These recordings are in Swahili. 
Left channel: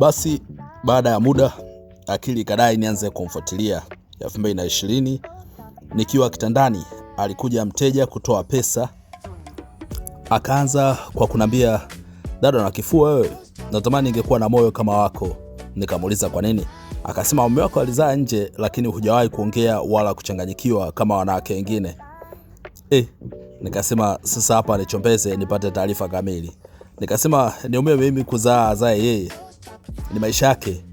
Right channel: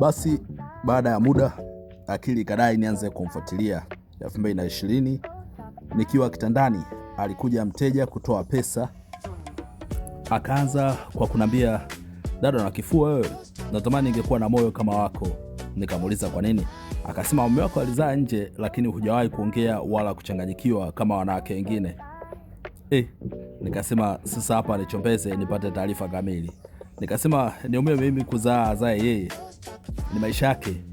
Basi baada ya muda akili ikadai nianze kumfuatilia. 2020 nikiwa kitandani alikuja mteja kutoa pesa. Akaanza kwa kunambia, dada na kifua wewe, natamani ningekuwa na moyo kama wako. Nikamuuliza kwa nini? Akasema mume wako alizaa nje lakini hujawahi kuongea wala kuchanganyikiwa kama wanawake wengine. Nikasema sasa hapa nichombeze nipate taarifa kamili. Nikasema niumie mimi kuzaa azae yeye, ni maisha yake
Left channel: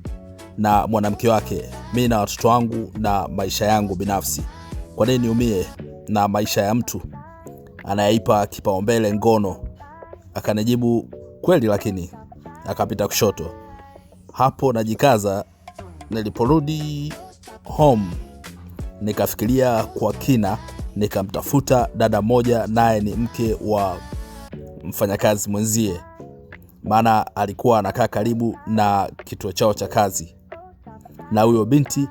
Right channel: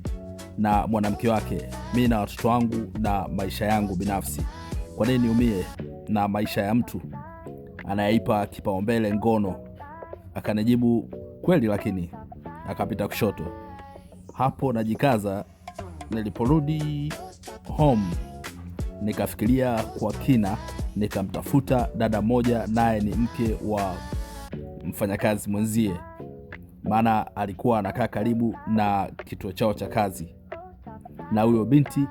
na mwanamke wake, mimi na watoto wangu na maisha yangu binafsi. Kwa nini niumie na maisha ya mtu anayeipa kipaumbele ngono? Akanijibu kweli, lakini akapita kushoto. Hapo najikaza. Niliporudi home nikafikiria kwa kina, nikamtafuta dada moja, naye ni mke wa mfanyakazi mwenzie, maana alikuwa anakaa karibu na kituo chao cha kazi, na huyo binti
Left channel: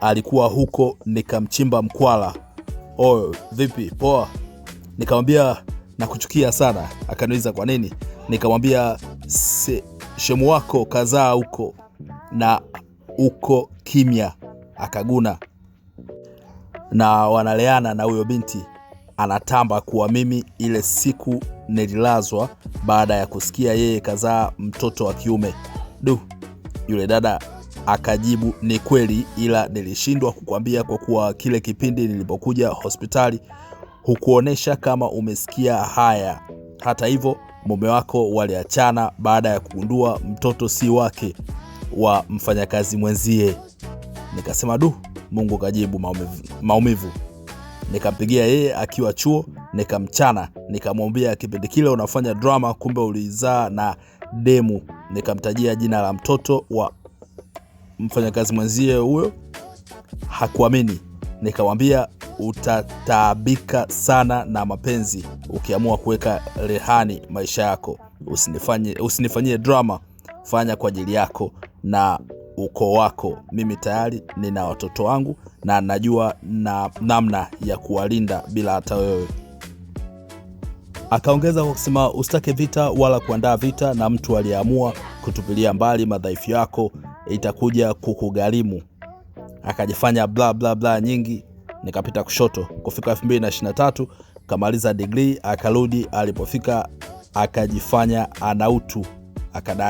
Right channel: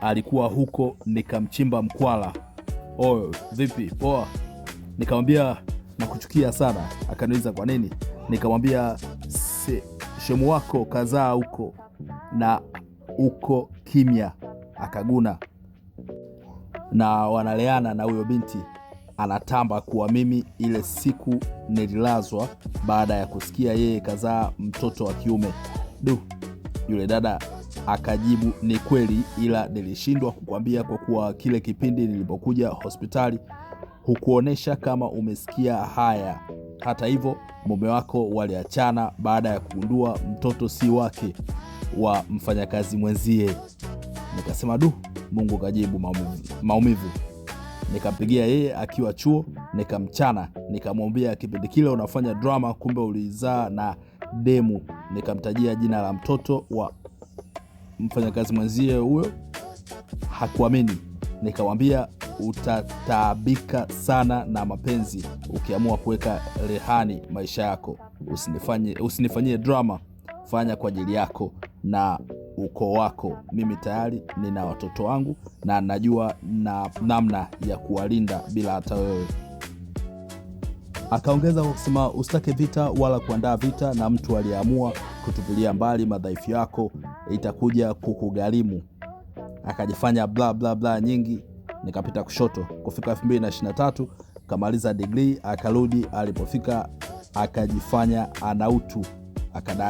alikuwa huko. Nikamchimba mkwala, oyo vipi, poa? Nikamwambia nakuchukia sana. Akaniuliza kwa nini? Nikamwambia shemu wako kazaa huko na uko kimya. Akaguna na wanaleana, na huyo binti anatamba kuwa mimi ile siku nililazwa baada ya kusikia yeye kazaa mtoto wa kiume. Yule dada akajibu ni kweli, ila nilishindwa kukwambia kwa kuwa kile kipindi nilipokuja hospitali hukuonesha kama umesikia haya. Hata hivyo mume wako waliachana baada ya kugundua mtoto si wake, wa mfanyakazi mwenzie. Nikasema Mungu kajibu maumivu. Nikampigia yeye akiwa chuo, nikamchana, nikamwambia kipindi kile unafanya drama, kumbe ulizaa na demu. Nikamtajia jina la mtoto wa mfanyakazi mwenzie huyo. Hakuamini. Nikamwambia utataabika sana na mapenzi ukiamua kuweka rehani maisha yako. Usinifanyie drama, fanya kwa ajili yako na ukoo wako. Mimi tayari nina watoto wangu na najua na namna ya kuwalinda bila hata wewe. Akaongeza kwa kusema usitake vita wala kuandaa vita na mtu aliyeamua kutupilia mbali madhaifu yako, itakuja kukugharimu. Akajifanya bla bla bla nyingi. Nikapita kushoto. Kufika 2023 kamaliza degree, akarudi. Alipofika akajifanya ana utu, akadai